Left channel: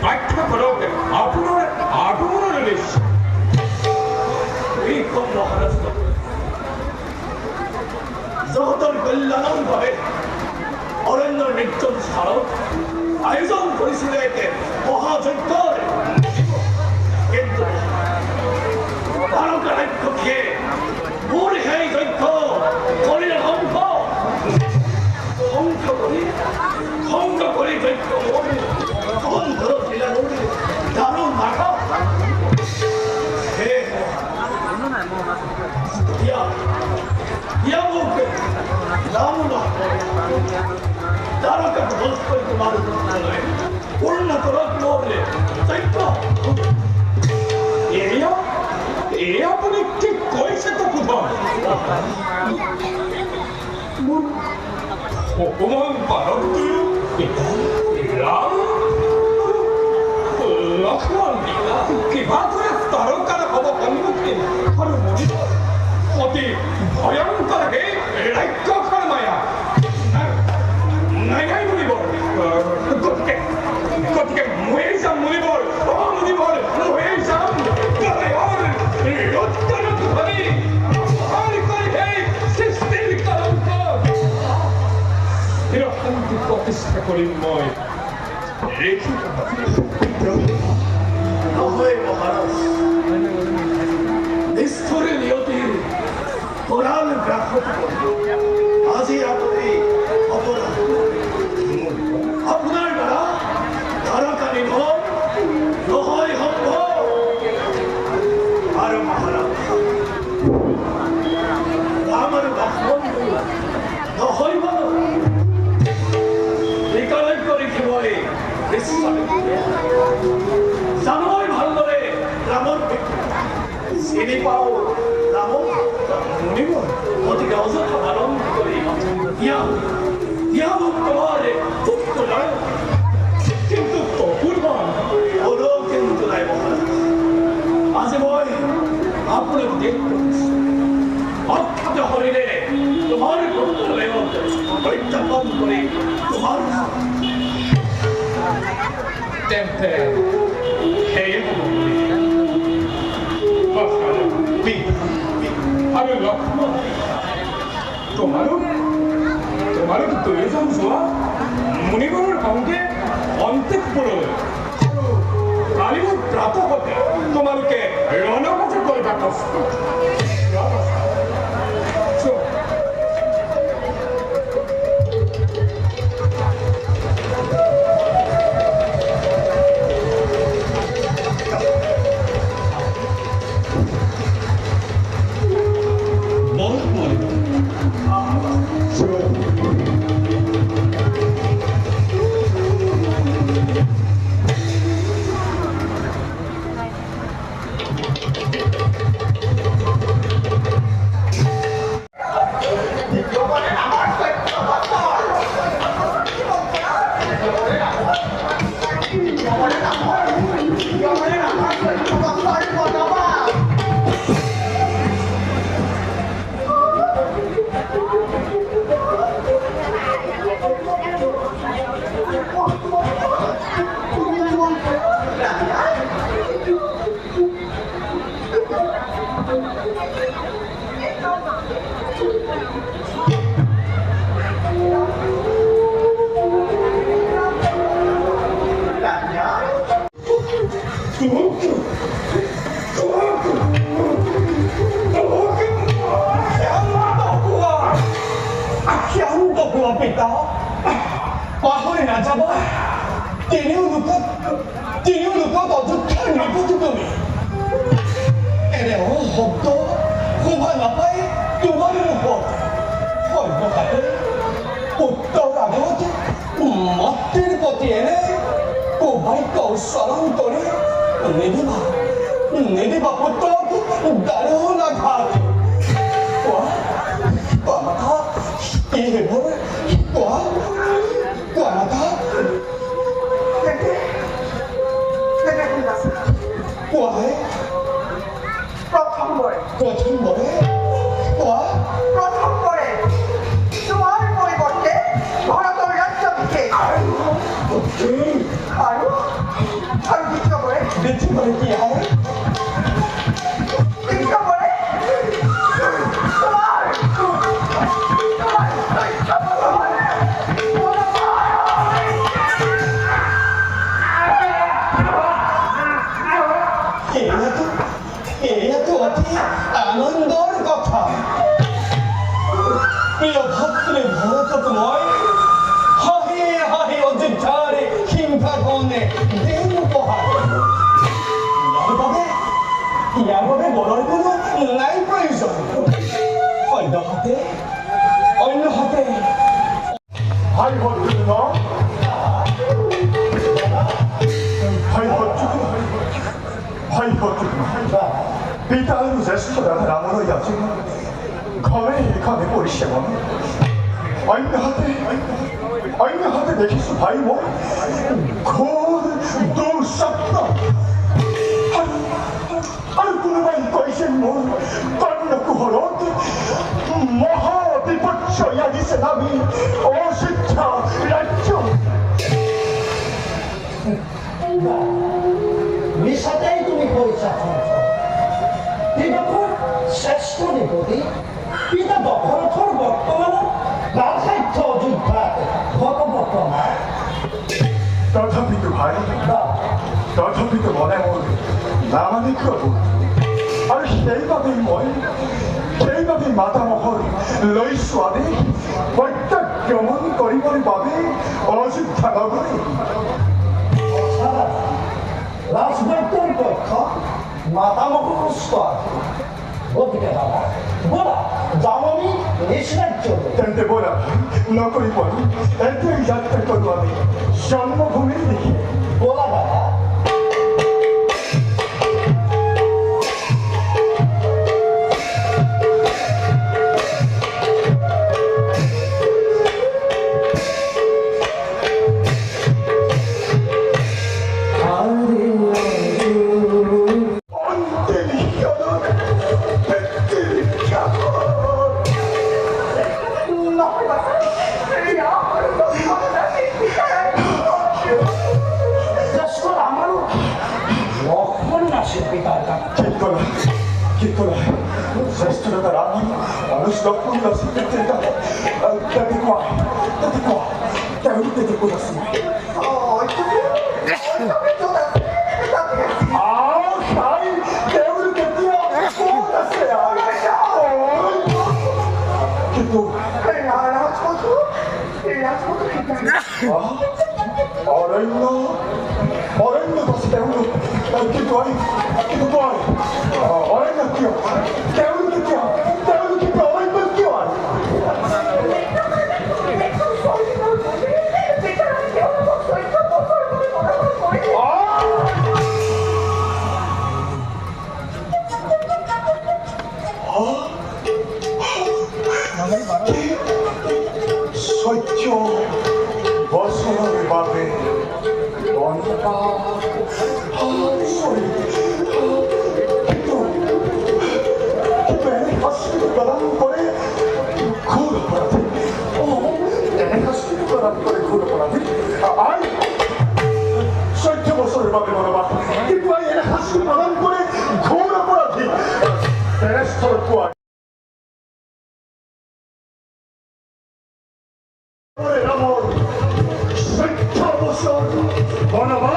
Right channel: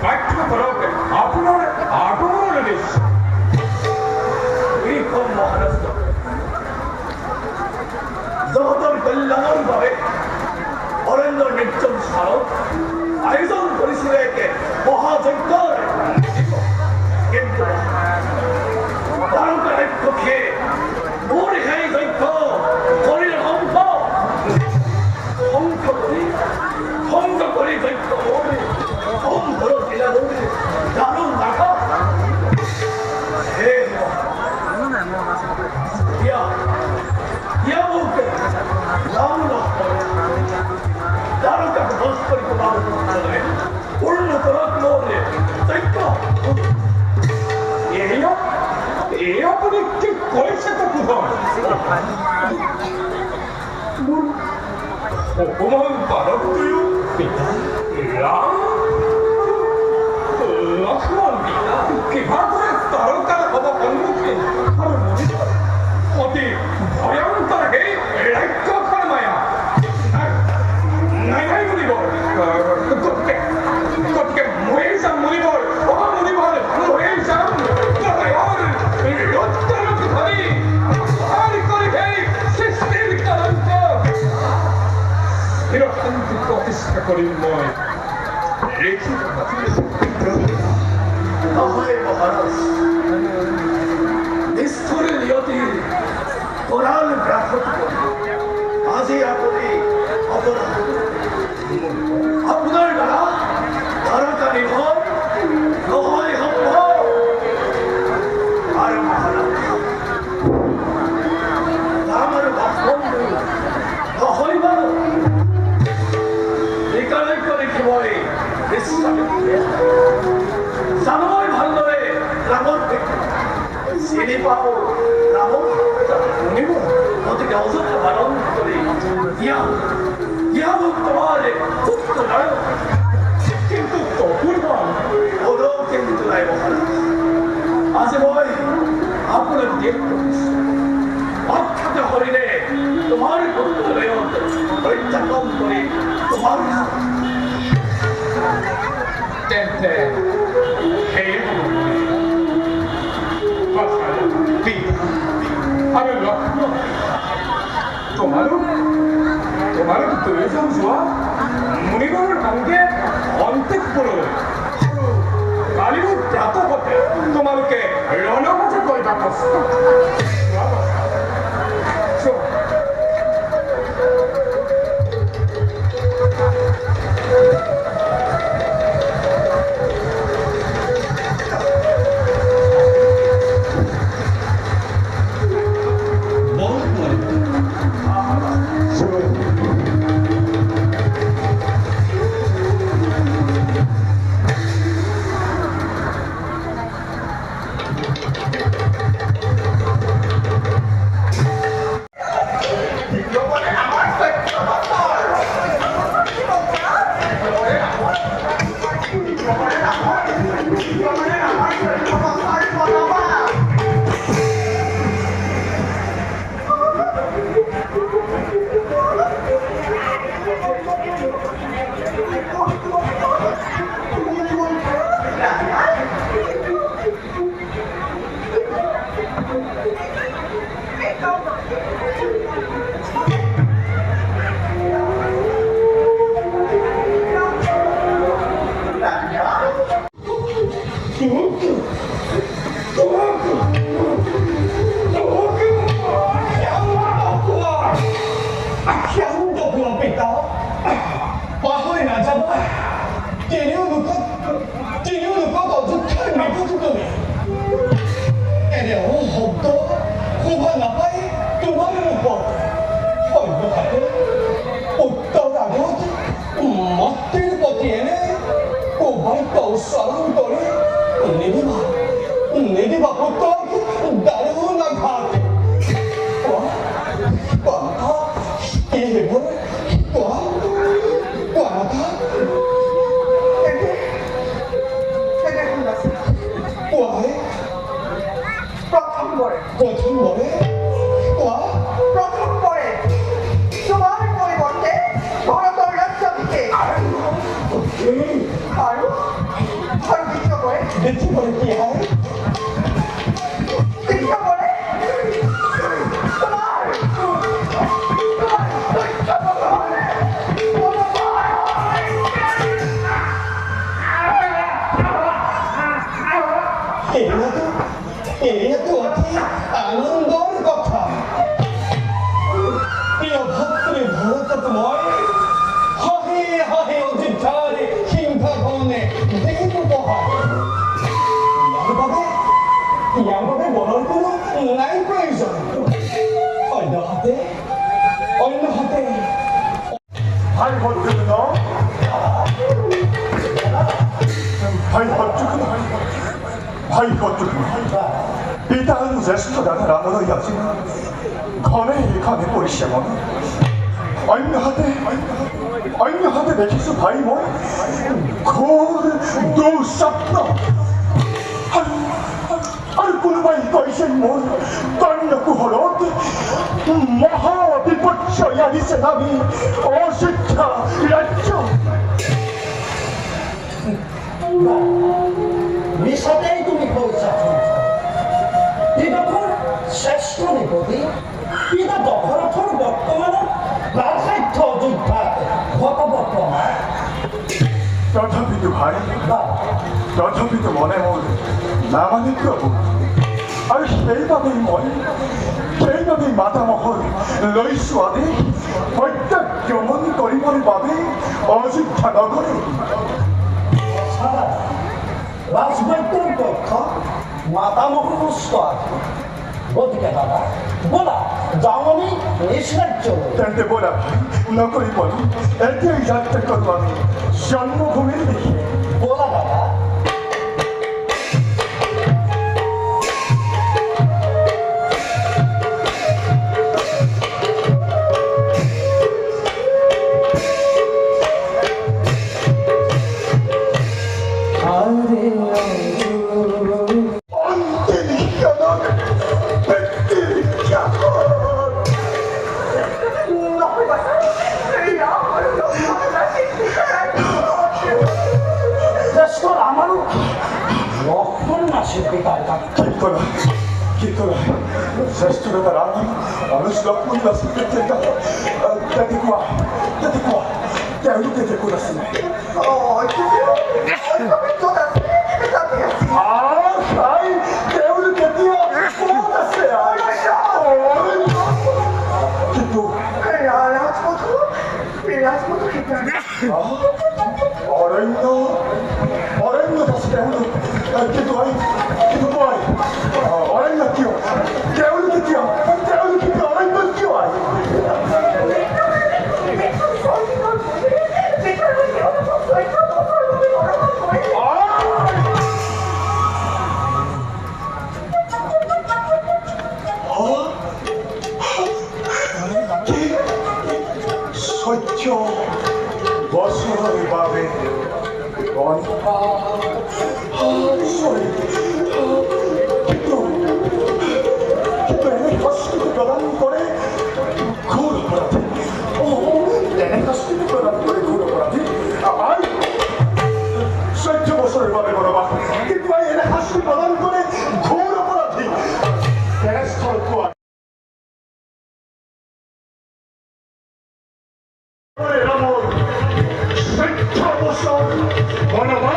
Back to the Hukuman para tuyo. Ilang? Lakman kita. Kibatre taruh kada kaba panggutin. Haru moni. Oti bayang targe. Like karmaya. Nai moni bol. Kotike muesam moni bol. Oh moni bol. Muesam. Kare or. Yottara kari. Hari kare hei. Sistem karanto. Hiro hantu kokista korin moi. Eki. 나의 바하라스 미스터리 리어티 도라를 그라포트고 아지 아프리 아보라 아프날 가라 나라까리건 너의 한번 아름 바하라스 나만을 막본드 너의 바로 니까를 거리 기모이 리스자를 Sanoy Bhandoe Ramon Sini Pao Ramon Unigo Oti Gauza Kamaron Kori Dia Tomare Tutto Rayo Kintu Purban Odo Kintu Rayo Ase boy Apne Dir Protis Atta Horide Tomare Tutto Rayo Koi Tapam Kori Tomare Tempe তোমার তুই সমসুয়া মুনিগণের কাউকে অন্তেক পুরো কালিব প্রাত হতে তোমাকে রণকাছে কইবা কষ্ট Pitanu zesto da ramono yajina. Kane porishamon. Aina hate dekisu bhai mo. Kor do sapna. Ar kulbai toisen mo. Tangaku horot. Maha vipaccha yadise nami. Oshitta rajyo. মিশাতেই তুমি পৌঁছা বিদখর শ্রেষ্ঠ নিপতি পিতা দখরথর বর্তমান রাধাইথ যোদ্ধা ভগবতমা তথাপি তো ভাই তথাপি তো মনে মন নামানিক্য বোধ আৰু সেইবাবেই মাতামহৰ লৈছো আদেশ প্ৰত্যাক্ৰমণ কৰিবৰ বাবে অযোধ্যা নগৰে রাজবৈদ্যের পক্ষ মাতামহস্ত আছে গতিকে দাদা বলা যাওনি নিষ্কার চলবে তেন্তে বলা ভাই নকৰি বলো এতিয়াই যাত্ৰা কৰোঁ আমি জন্মভূমিৰ দিশে বলা দাদা শ্রেষ্ঠতা রাম অনুষ্লক্ষণ তেওঁলোকে যে ক'ত আছে কিন্তু অৰণ্য আছে তেওঁলোক কিন্তু কয় অৰণ্য কিয় তেওঁলোকে কিয় অৰণ্য কিয় আহে সহ্য বছৰৰ বাবে এনে শাস্তি প্ৰদান কৰে ঘোৰ অপৰাধী এনে শাস্তি প্ৰদান কৰে ঘোৰ অপৰাধী আই 14 বছৰৰ বাবে বনবাস কিন্তু এনে শাস্তি প্ৰদান কৰে ঘোৰ অপৰাধী তেনেস্থলত কোৱা ৰামৰ 14 বছৰ বনবাস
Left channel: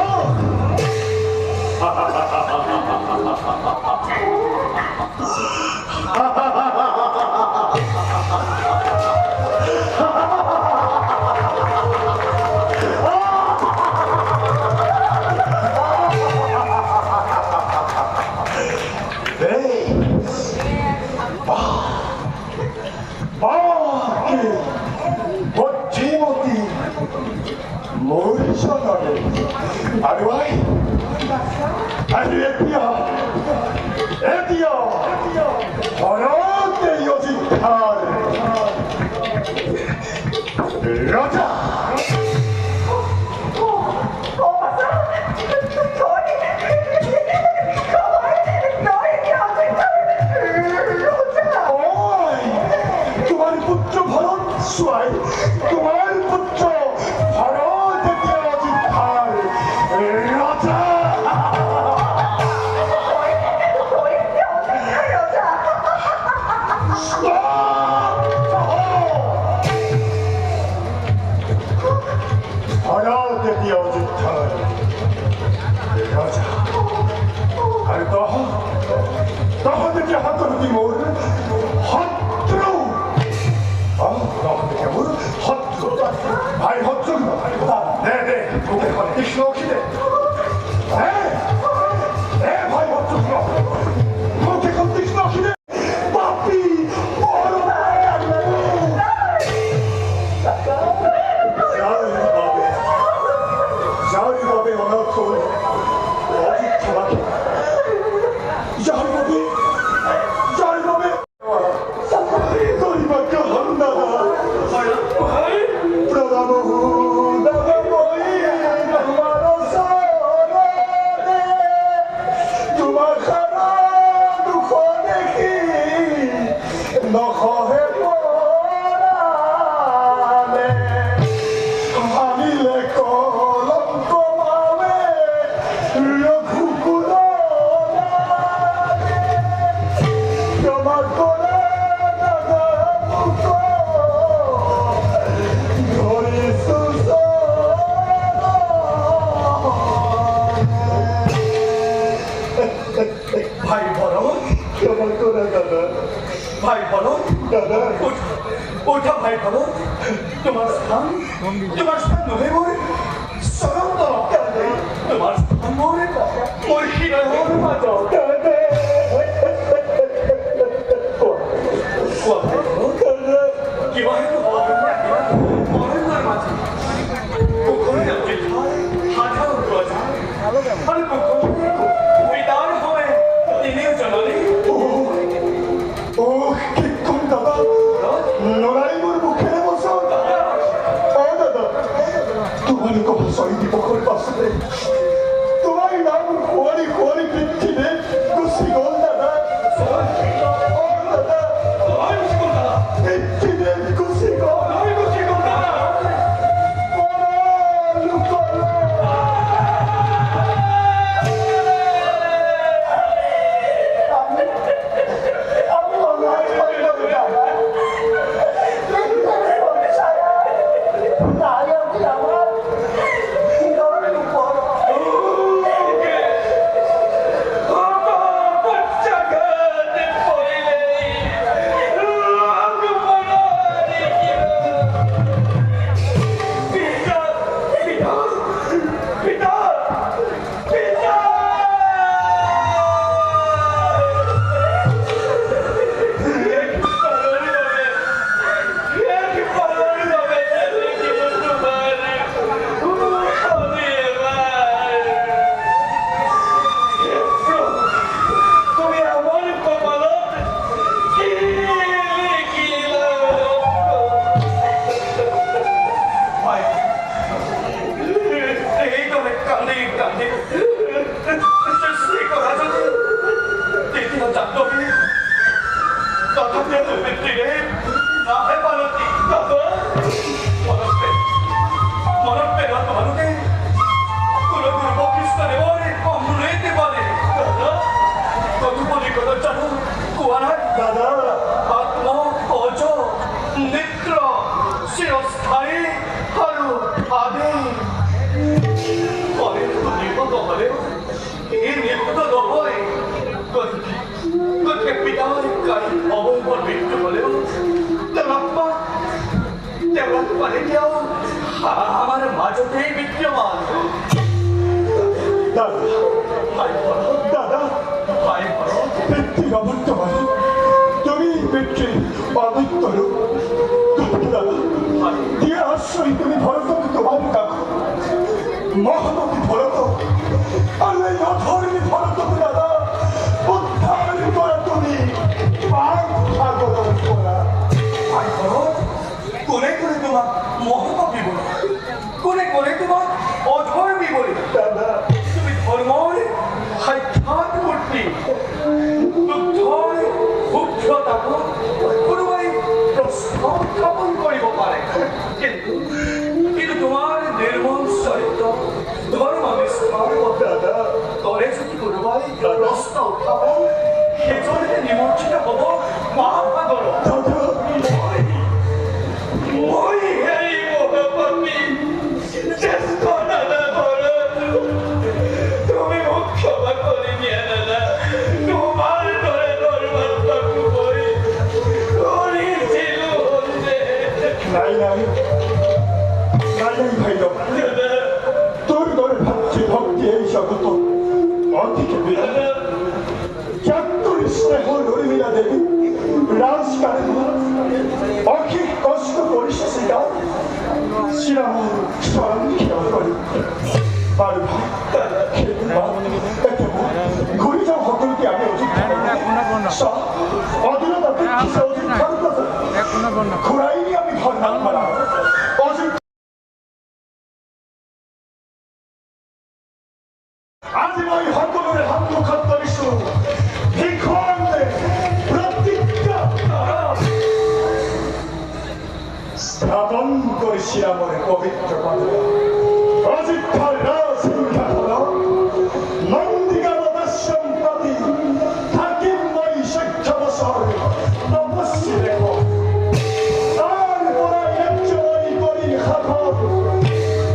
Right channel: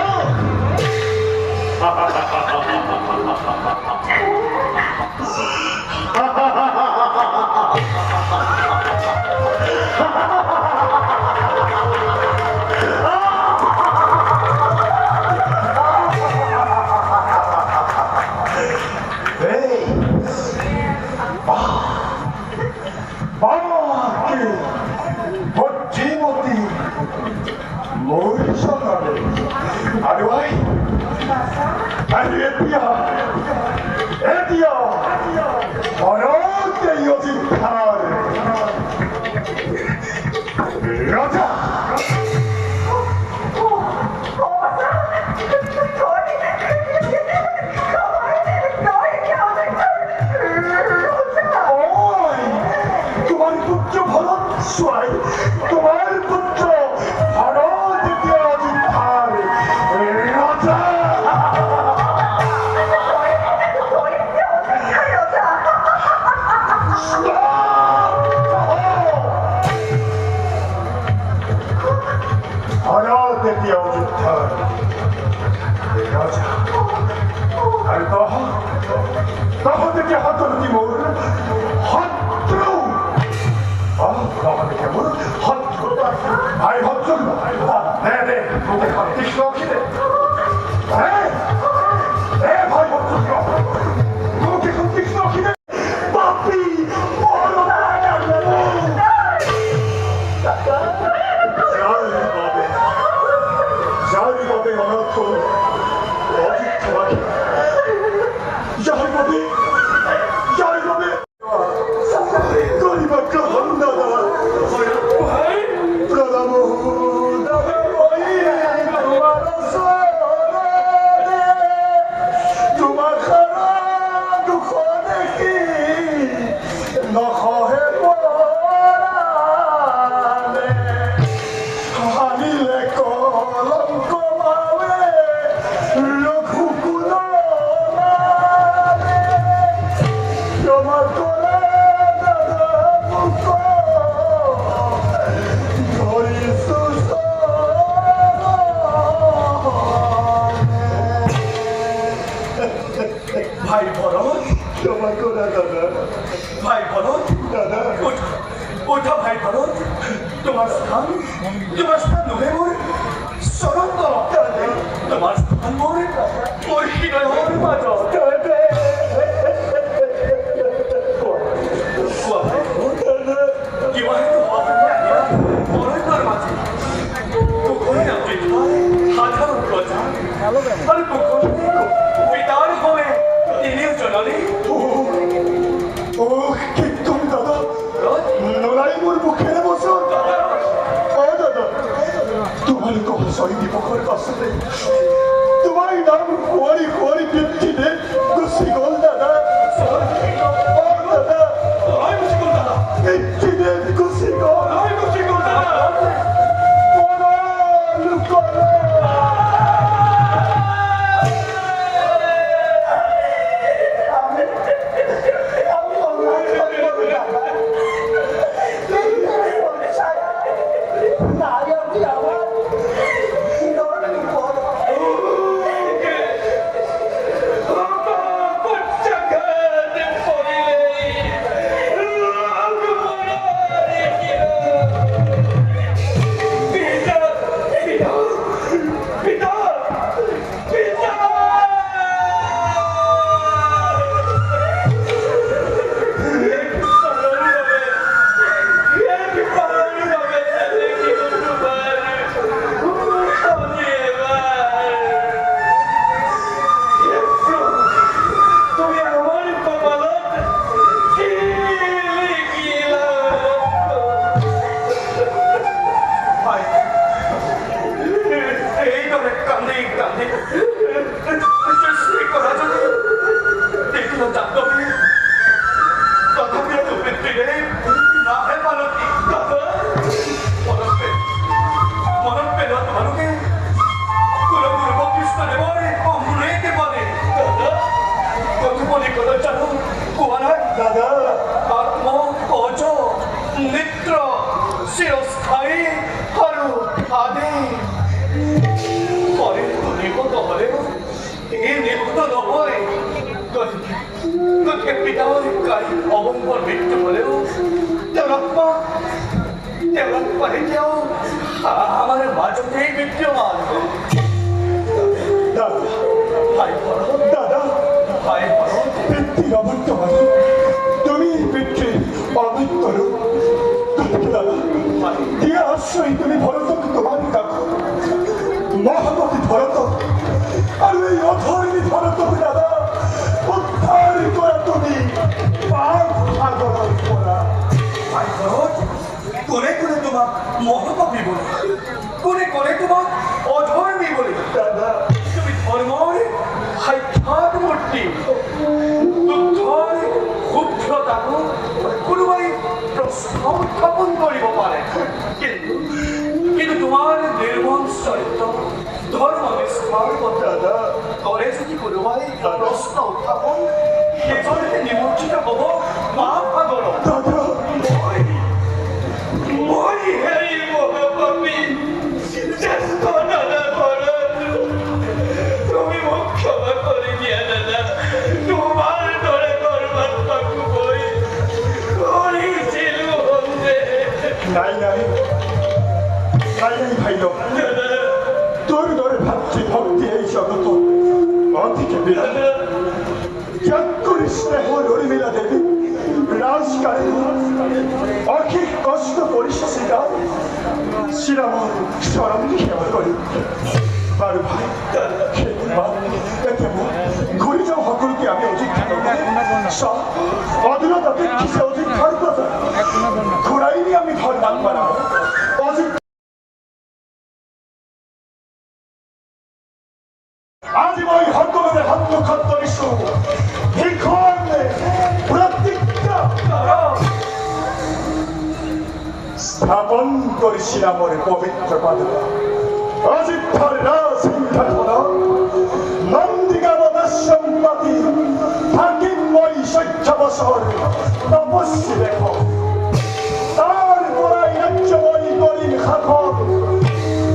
Raja! তোমার পুত্র ভরত সোয়াই তোমার পুত্র ভরত অযোধ্যার রাজা যার ভাই ভরত ক্ষমা করে দাদা ভাই ভরত দাদা ওঠা ভাই ভরত তোমার স্থান নহে মোর সরন্তর তোমার স্থান মোর হৃদয় মাঝ কিবা হেতু মরণের মাঝে পুকুরে নামতে হাজারো প্রজা আরে পুকুরে পিতার হবে তিনিও জননী ও কি কোন দাদা লড়াই মোর মুখে বসো দাদা তোমার কথা সই দিব করে পাশে তোমার নাম কোয়ারি কোয়ারি পিঠিতে গুছি গোল দাদা ও দাদা আমি শিখুন দাদা পিঠিতে গুছি গোল আমি শিখুন দাদা লুকোলা দাদা আত্ম অজ মিত্র চিরস্থায়ী আৰু আদি পরে নির্বত হলেও এই নির্বত নহয় গতিকে পিতার কালী অবম্বর মৃত্যু হলেও তেওঁৰ আত্মা এতিয়াও আমাৰ মাজতেই বিদ্যমান দাদা ভাই ভরত দাদা ভাই ভরত পিতৃর অবর্তমানে তুমি পিতৃর অবৃত্তর দাদা দিয়ে আশ্রয় তুমি ভরতকে তোমার ডাকো মহামতি ভরত আর এই অধর্মী ভরতকে দাদা উদ্ধার করা তুমি পাপ সাগর করা ভাই ভরত কোনে কোনে তোমাক মহাকবি বলে কোনে কোনে তোমাক অধর্মী বলে দাদা তুমি ধর্মৰ সাক্ষাৎ মূৰ্তি দুগ্ধৰ শুভ্ৰতাকো কোনোবাই প্ৰশ্ন উত্থাপন কৰিব পাৰে কিন্তু তোমাৰ নিৰ্মল চৰিত্ৰ ধৰ্ম নিষ্ঠাৰ দাদা কৰে যদি কোনোবাই প্ৰশ্ন উত্থাপন সেইজনে নিমন্ত্ৰিত হ'ব মহাসাগৰ দাদা মই এই মহাপাপী জ্যেষ্ঠ দাদা ভরত তুমি মোক ক্ষমা করে দিয়া দাদা তোমার দরে ধর্মাত্মাকু মই কৰিছিলো নাই নাই নাই নাই ভাইল দাদা তোর দরে ভাতৃ ভক্তি এই জগত অধিকে বিরাট চাকুরি স্নেহ রুমিলা দেবী রাজকারী অখিক কষ্ট পরিশেষে গাও শ্রীরাম স্মরণ সেবা করি আর ভাই ঘুরি যাও সকলকে আমি অধিক্ষা করি সব অদূরতা প্রেক্ষিসে অধিক্ষার কথা ঘুরাইনি আমি ধর্মাত্মারা অধিক আজি মই সকলোৰে হাত মুখত ধৰিছো ভিক্ষুণ প্ৰতিজ্ঞা স্থাপন কৰিছিলা মোৰ পবিত্ৰ পাদুকা অযোধ্যাৰ ৰাজসিংহাসনত নন্দীগাঁৱত আশ্ৰম পাতি থাকিম মই 14 বছৰ তপস্বী লেখক তাৰ পৰাই ৰাজ্য মই কৰিম শাসক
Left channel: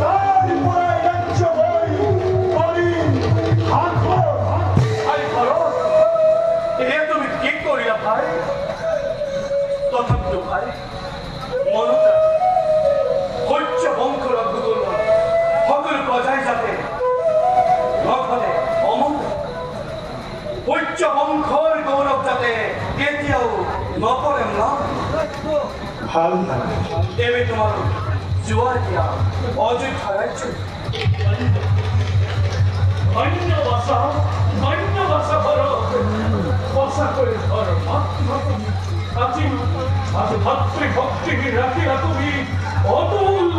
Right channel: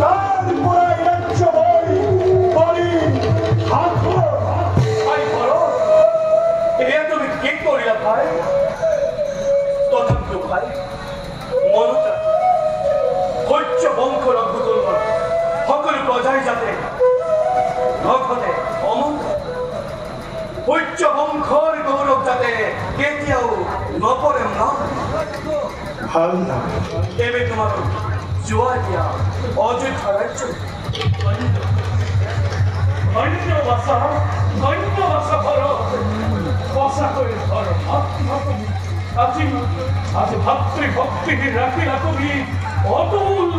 তাৰ পৰাই ৰাজ্য মই কৰিম শাসক ভাই ভাই তথাপিতো ভাই মনত সহ্য বংশৰ ভূগোলৰ সকলো প্ৰজাই যাতে নখনে অমন সহ্য বংশৰ গৌৰৱ যাতে কেতিয়াও নপৰে ন ভাল লাগে দেৱে তোমালোক জোৱাৰ দিয়া অযোধ্যা ৰাজ্য ধন্য বাছা ভাৰত সঁচাকৈ ঘৰ মাতৃভূমি আজি ভাতৃভক্তি ৰাখিলা তুমি অতুল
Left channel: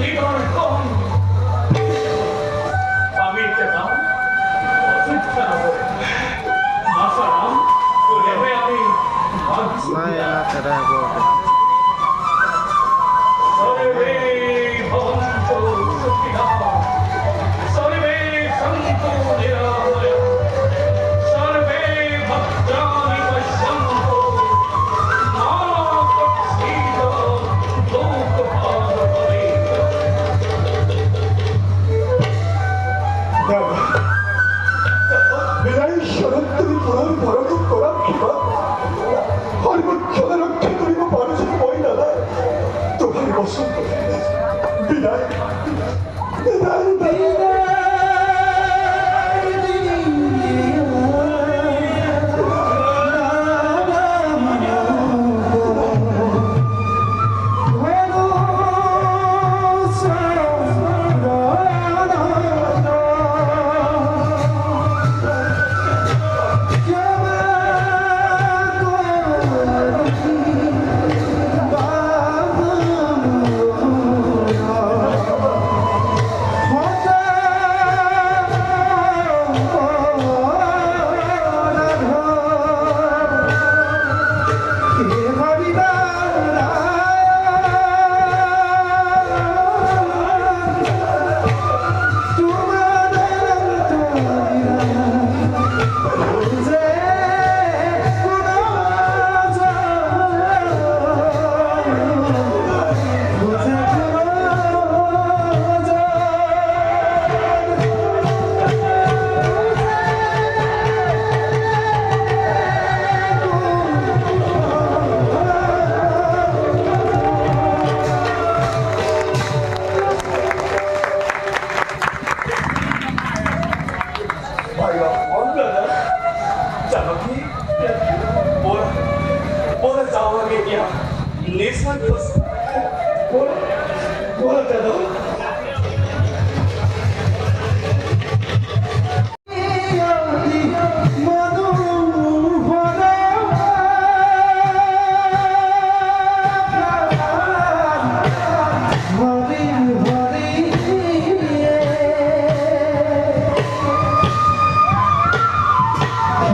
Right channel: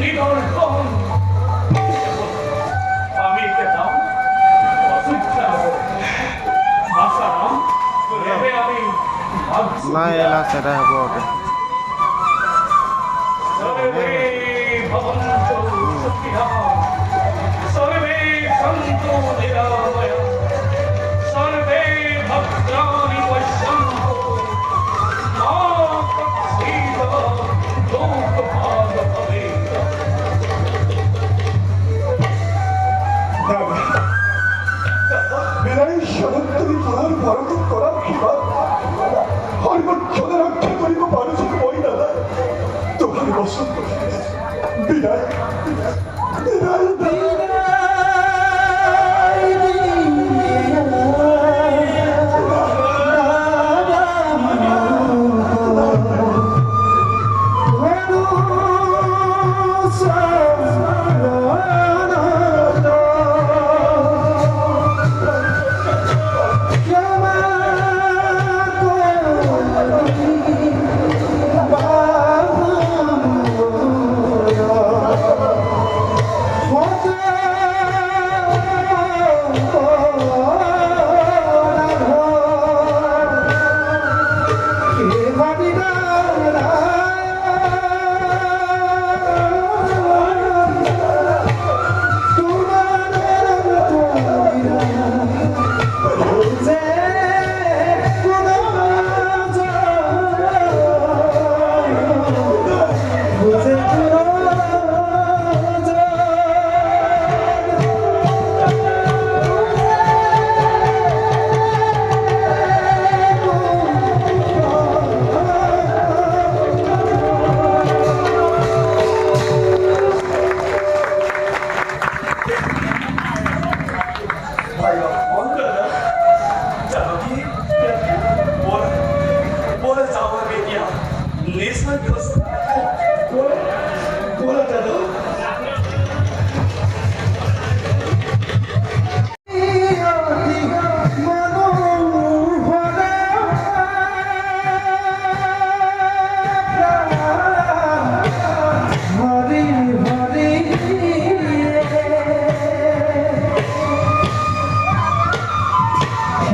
নিদৰ্শন আমি এতিয়া যাওঁ অযোধ্যা বাছাৰাম এনে আমি সৰ্বে ভৱন্তু সুখিনঃ সর্বে সন্তু নিরাময়া সর্বে ভদ্রাণি পশ্যন্তু মা কচ্ছিদ লোকভারভবেত বিদায় স্বৰূপ তুমি পুনৰ ভৰণ কৰাৰ কিবা সৰ্বক্ষণে ৰক্ষা কৰিব পাৰিছো মই দাদা তোমাৰ বচন বিদায়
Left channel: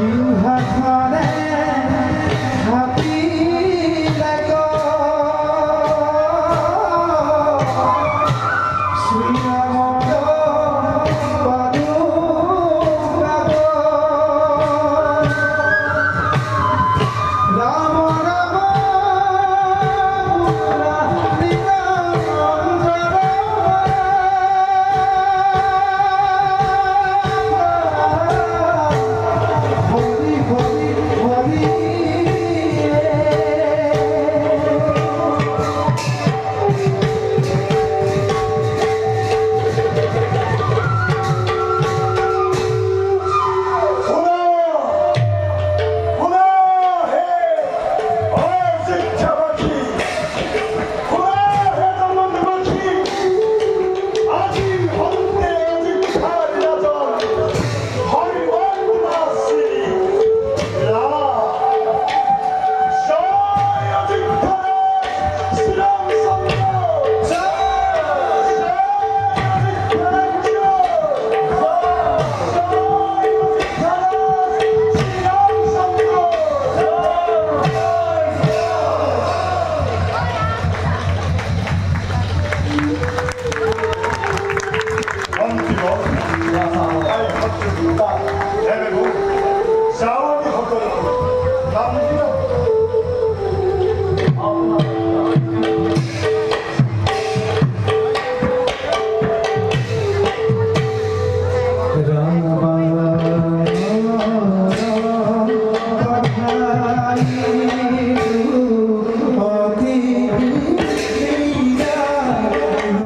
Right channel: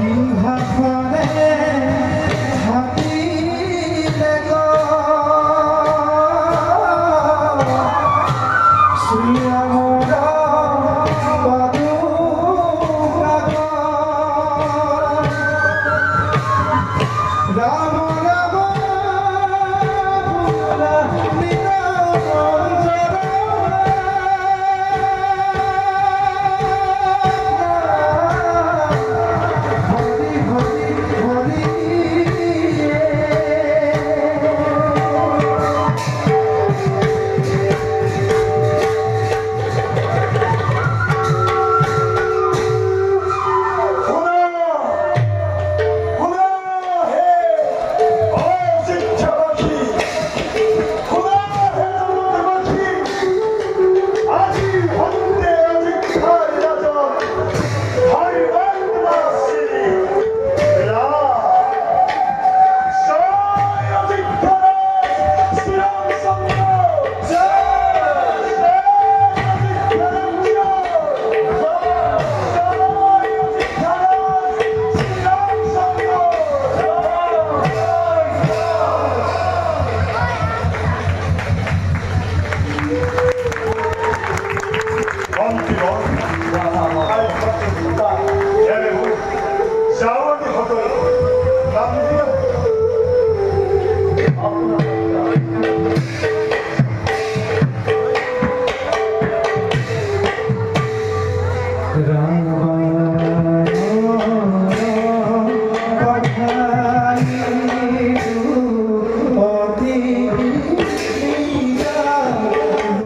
You have won it.